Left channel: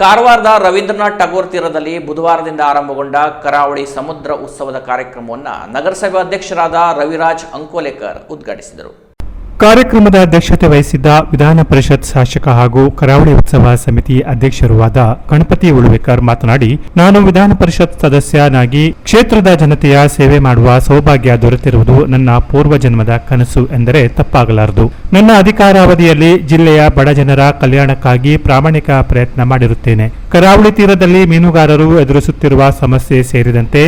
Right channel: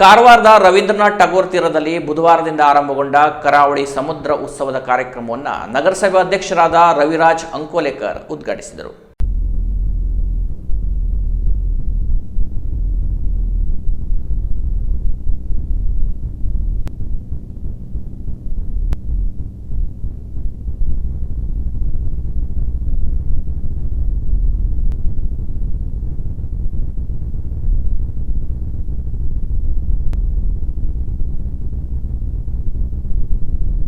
ಕಾರವಾರದ ರವೀಂದ್ರನಾಥ್ ಟಾಗೋರ್ ತೀರದಲ್ಲಿ ಬುಧವಾರದಿಂದ ಆರಂಭಗೊಂಡ ಕರಾವಳಿ ಸಮುದ್ರ ಉತ್ಸವದ ಕಾರ್ಯಕ್ರಮವನ್ನು ನಗರಸಭೆ ಅಧ್ಯಕ್ಷರಾದ ರವಿರಾಜ್ ಅಂಕೋಲೇಕರ್ ಉದ್ಘಾಟಿಸಿದರು. ಕಾರ್ಯಕ್ರಮದ ಅಧ್ಯಕ್ಷತೆ ವಹಿಸಿದ್ದ ವಿಧಾನ ಪರಿಷತ್ ಶಾಸಕ ಹಾಗೂ ಕರಾವಳಿ ಉತ್ಸವ ಸಮಿತಿ ಅಧ್ಯಕ್ಷರೂ ಆದ ಗಣಪತಿ ಉಳುವೇಕರ್ ಮಾತನಾಡಿ, ನಾನು ವಿಧಾನ ಪರಿಷತ್ ಸದಸ್ಯನಾಗಿ ಕ್ಷೇತ್ರದ ಜನತೆಯ ಸೇವೆ ಮಾಡುವ ಸೌಭಾಗ್ಯ ದೊರೆತಿರುವುದು ನನ್ನ ಪೂರ್ವ ಜನ್ಮದ ಕನಸು ಎಂದರೆ ತಪ್ಪಾಗಲಾರದು. ನನ್ನ ಅಧಿಕಾರಾವಧಿಯಲ್ಲಿ ಜಿಲ್ಲೆಯ ಬಡ ಜನರ ಕಲ್ಯಾಣಕ್ಕಾಗಿ ಪ್ರಾಮಾಣಿಕ ಪ್ರಯತ್ನ ಮಾಡಿರುತ್ತೇನೆ. ಕರಾವಳಿ ತೀರದಲ್ಲಿ ಮೀನುಗಾರರು ಎದುರಿಸುತ್ತಿರುವ ಸಮಸ್ಯೆ ಸೇರಿದಂತೆ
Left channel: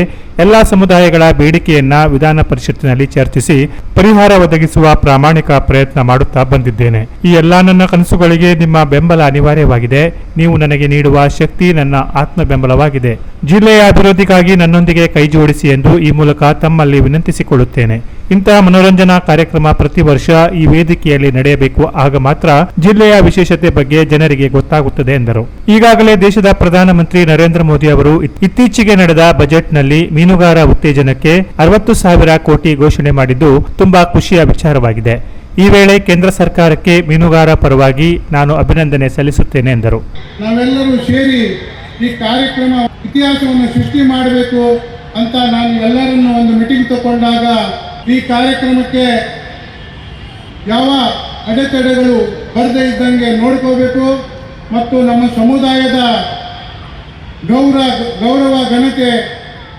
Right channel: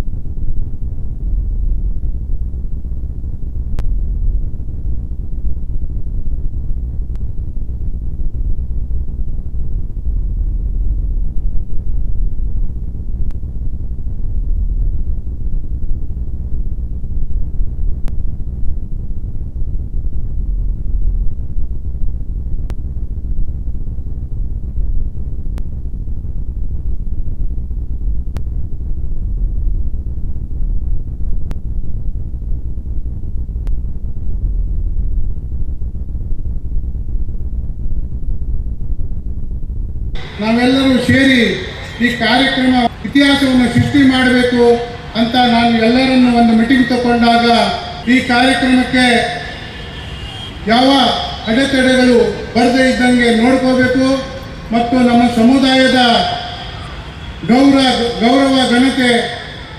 ಎಲ್ಲಾ ಸಮುದಾಯಗಳ ಬೇಡಿಕೆಯನ್ನ ವಿಧಾನ ಪರಿಷತ್ತಿನಲ್ಲಿ ಚರ್ಚಿಸಿ ಪರಿಹಾರ ಒದಗಿಸುವ ಪ್ರಾಮಾಣಿಕ ಪ್ರಯತ್ನ ಮಾಡುತ್ತಾ ಬಂದಿದ್ದೇನೆ. ಈ ಎಲ್ಲಾ ನನ್ನ ಕನಸುಗಳಿಗೆ ನಿಮ್ಮ ಬೆಂಬಲ ಅನಿವಾರ್ಯವಾಗಿದೆ. ನೀವು ನನಗೆ ನೀಡುವ ಶಕ್ತಿ ನನ್ನ ಆತ್ಮ ಬೆಂಬಲವಾಗಿದೆ. ಜಿಲ್ಲೆಯ ಅಭಿವೃದ್ಧಿಗಾಗಿ ನನ್ನೊಂದಿಗೆ ಕೈಜೋಡಿಸಿ ಎಂದು ಈ ಮೂಲಕ ತಮ್ಮಲ್ಲಿ ವಿನಂತಿಸಿಕೊಳ್ಳುತ್ತೇನೆ. ಇಂತಹ ಮನೋರಂಜನಾ ಕಾರ್ಯಕ್ರಮ ಪ್ರತಿ ವರ್ಷ ಈ ವೇದಿಕೆಯಲ್ಲಿ ನಡೆಯಬೇಕು. ಆಗ ಮಾತ್ರ ಜಿಲ್ಲೆಯ ವಿಶೇಷತೆ ಬಗ್ಗೆ ಜನರಿಗೆ ಗೊತ್ತಾಗುತ್ತದೆ ಎಂದರು. ಈಗಾಗಲೇ ದೇಶದ ಪ್ರಧಾನಮಂತ್ರಿ ನರೇಂದ್ರ ಮೋದಿ ಅವರು ಇತ್ತೀಚೆಗೆ ನಡೆದ ಬಜೆಟ್ನಲ್ಲಿ ಮೀನುಗಾರ ಉತ್ತೇಜನಕ್ಕೆ 60,000 ಕೋಟಿ ಘೋಷಣೆ ಮಾಡಿದ್ದು ತುಂಬಾ ಖುಷಿಯ ವಿಚಾರವಾಗಿದೆ. ಈ ವೇಳೆ ಕೇಂದ್ರ ಸರ್ಕಾರಕ್ಕೆ ಮೀನುಗಾರ ಪರವಾಗಿ ನಾನು ಅಭಿನಂದನೆ ಸಲ್ಲಿಸುತ್ತೇನೆ ಎಂದರು. ನಾವೆಲ್ಲರೂ ಸೇರಿ ಈ ಕಾರ್ಯಕ್ರಮ ಇತಿಹಾಸವನ್ನು ಸೃಷ್ಟಿ ಮಾಡಬೇಕು ಅಂತ ನಾನು ಎಲ್ಲರನ್ನು ಒಂದು ಮೀಟಿಂಗ್ ತಗೊಂಡಾಗ ಈ ಕಾರ್ಯಕ್ರಮಕ್ಕೆ ಯಾವ ಅಡೆತಡೆಗಳು ಬರದೇ ಇದ್ದಂಗೆ ನೋಡ್ಕೋಬೇಕು ಮತ್ತು ನಮ್ಮ ಸಮುದಾಯದ ಗೌರವ ಘನತೆ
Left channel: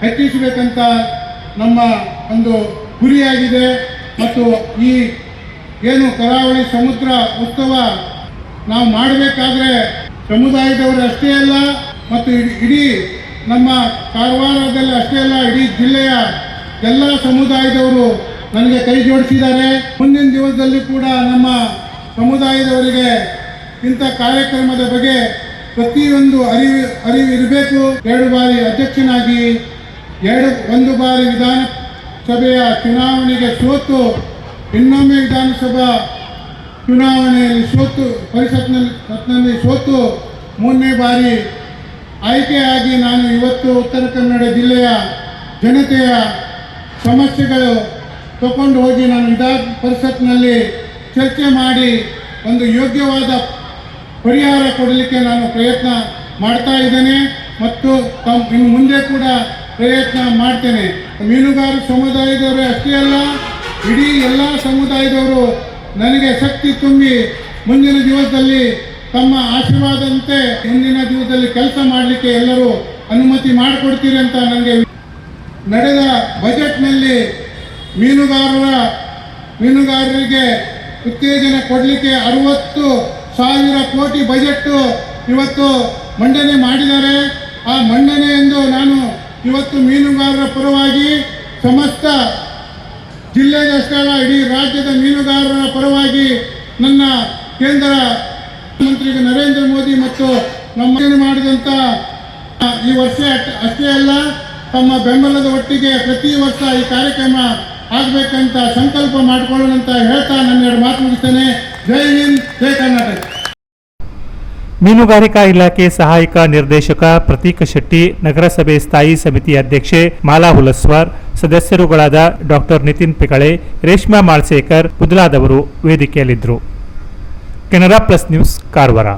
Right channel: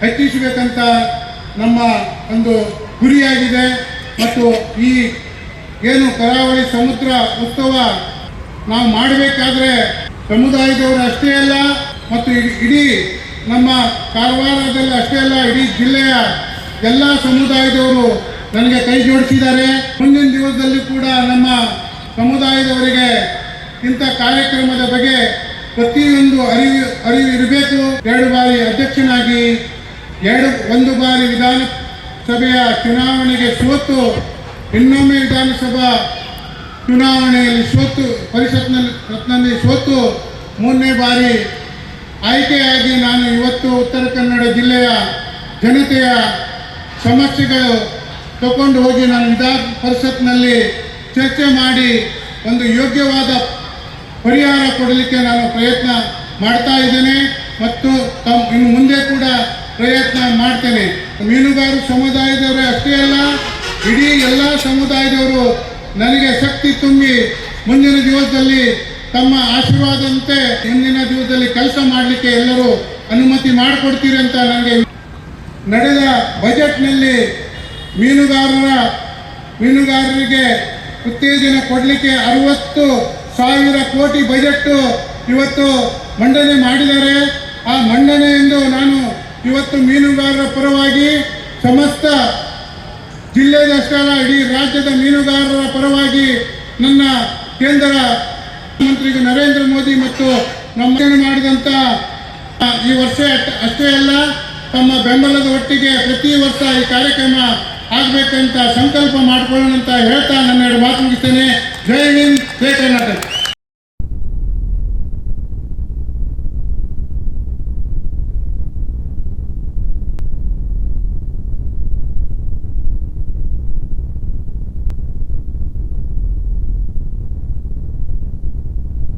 ಹೆಚ್ಚಿಸಬೇಕಂತ ನಮ್ಮ ಒಂದು ಗುರಿಯಾಗಿದೆ. ಮತ್ತು ಈ ಏನು ಕರಾವಳಿ ಸಮುದ್ರ ಉತ್ಸವ ನಾವು ಮಾಡಬೇಕಾದ್ರೆ ಸಮುದಾಯದವರು ಅಷ್ಟೇ ಅಲ್ಲ ಮತ್ತು ಇಡೀ ನಮ್ಮ ಕಾರವಾರದಲ್ಲಿ ಅಷ್ಟೇ ಅಲ್ಲ, ಇಡೀ ಜಿಲ್ಲೆಯ ಎಲ್ಲ ಸಮುದಾಯದವರು ನನಗೆ ಕೈ ಜೋಡಿಸಿದ್ದಾರೆ. ಮುಂದಿನ ದಿವಸದಲ್ಲಿ ಕೂಡ ನಮ್ಮ ಸಮುದಾಯದವರಿಗೆ ಇಂಥ ಕಾರ್ಯಕ್ರಮದ ಬಗ್ಗೆ ಪ್ರತಿಯೊಂದು ಅರಿವು ಇರಬೇಕು. 2 ಬಾರಿ ಅಧ್ಯಕ್ಷನಾಗಿ 1 ಬಾರಿ ವಿಧಾನಸಭೆಯ ಚುನಾವಣೆಗೆ ಸೋತು ಇನ್ನೊಮ್ಮೆ ವಿಧಾನಸಭಾ ಚುನಾವಣೆಯಲ್ಲಿ ಪರಿಷತ್ನಲ್ಲಿ ಸೋತು 3ನೇ ಬಾರಿ ಆಯ್ಕೆಯಾಗಿ ನಾನು ಇವತ್ತು ಉತ್ತರ ಕನ್ನಡ ಜಿಲ್ಲೆಯ ಜನತೆಯ ಸಮಸ್ಯೆಗಳು ತಗೊಂಡು ಹೋಗಿ ನಾನು ವಿಧಾನ ಪರಿಷತ್ನಲ್ಲಿ ಚರ್ಚೆ ಮಾಡಿ ಒಂದು ಯೋಗ್ಯವಾದ ಪರಿಹಾರ ಕೊಡಲಿಕ್ಕೆ ನಾನು ಪ್ರಯತ್ನ ಮಾಡ್ತಾ ಇದ್ದೇನೆ ಮತ್ತು ಇನ್ನು ಮುಂದೆ ಕೂಡ ಪ್ರಯತ್ನ ಮಾಡ್ತೇನೆ. ಮೀನುಗಾರ ಸಮುದಾಯದವರೇ ಅಷ್ಟೇ ಅಲ್ಲ, ಇಡೀ ಎಲ್ಲ ಸಮುದಾಯದವರು ನನಗೆ ಶಕ್ತಿ ತುಂಬಿ ಮುಂದಿನ ದಿವಸದಲ್ಲಿ ತಮ್ಮ ಆಶೀರ್ವಾದಂತೆ ಮುಂದಿನ ದಿವಸದಲ್ಲಿ ಕೆಲಸ ಮಾಡಲಿಕ್ಕೆ ಎಲ್ಲರೂ ಅನುಮತಿ ಮಾಡಿಕೊಡ್ತೀರಿ ಅಂತ ನನಗೆ ನಡೆದ ಬಜೆಟ್ನಲ್ಲಿ ಮೀನುಗಾರರಿಗೆ ಉತ್ತೇಜನ ಕೊಡಲಿಕ್ಕೆ 60,000 ಕೋಟಿ ಬಜೆಟ್ ಇವತ್ತು ಮಂಡನೆ ಮಾಡಿದ್ದಾರೆ. ಆ ಮಂಡನೆಯೆಂದು ನಾನು ಇವತ್ತು ಮೀನುಗಾರರ ಪರವಾಗಿ ಸಮಸ್ತ ಜಿಲ್ಲೆಯಷ್ಟೇ ಅಲ್ಲ, ಇಡೀ ರಾಜ್ಯದ ಮೀನುಗಾರರ ಪರವಾಗಿ ನನ್ನ ಕೇಂದ್ರ ಮಂತ್ರಿ ನರೇಂದ್ರ ಮೋದಿ ಮತ್ತು ನಮ್ಮ ಮಾಡಿದಂಥ ಈ ವರ್ಷ ಅಷ್ಟೇ ಅಲ್ಲ, ತಮ್ಮ ಬೆಂಬಲದ ಒಟ್ಟಿಗೆ ಪ್ರತಿ ವರ್ಷ ಈ ಕಾರ್ಯಕ್ರಮ ಆಗಬೇಕಂತ ಸಂಕಲ್ಪ ಮಾಡಿಕೊಳ್ಳೋಣ ಅಂತ ಹೇಳ್ತಾ ನನ್ನ 2 ಮಾತು ಮುಗಿಸ್ತೇನೆ. ಜೈ ಹಿಂದ್, ಜೈ ಕರ್ನಾಟಕ. ಮೀನುಗಾರಿಕಾ ಇಲಾಖೆ ಸಹಾಯಕ ನಿರ್ದೇಶಕ ಪ್ರತೀಕ ಶೆಟ್ಟಿ, ನಗರಸಭೆ ಸ್ಥಾಯಿ ಸಮಿತಿ ಅಧ್ಯಕ್ಷೆ ಮಾಲಾ ಹುಲಸ್ವಾರ್, ಸದಸ್ಯರುಗಳಾದ ಡಾಕ್ಟರ್ ನಿತಿನ್ ಪಿಕಳೆ, ರೇಷ್ಮಾ ಮಾಳ್ಸೇಕರ್ ಮೊದಲಾದವರು ವೇದಿಕೆಯಲ್ಲಿದ್ದರು. Canara plus news, Karwar.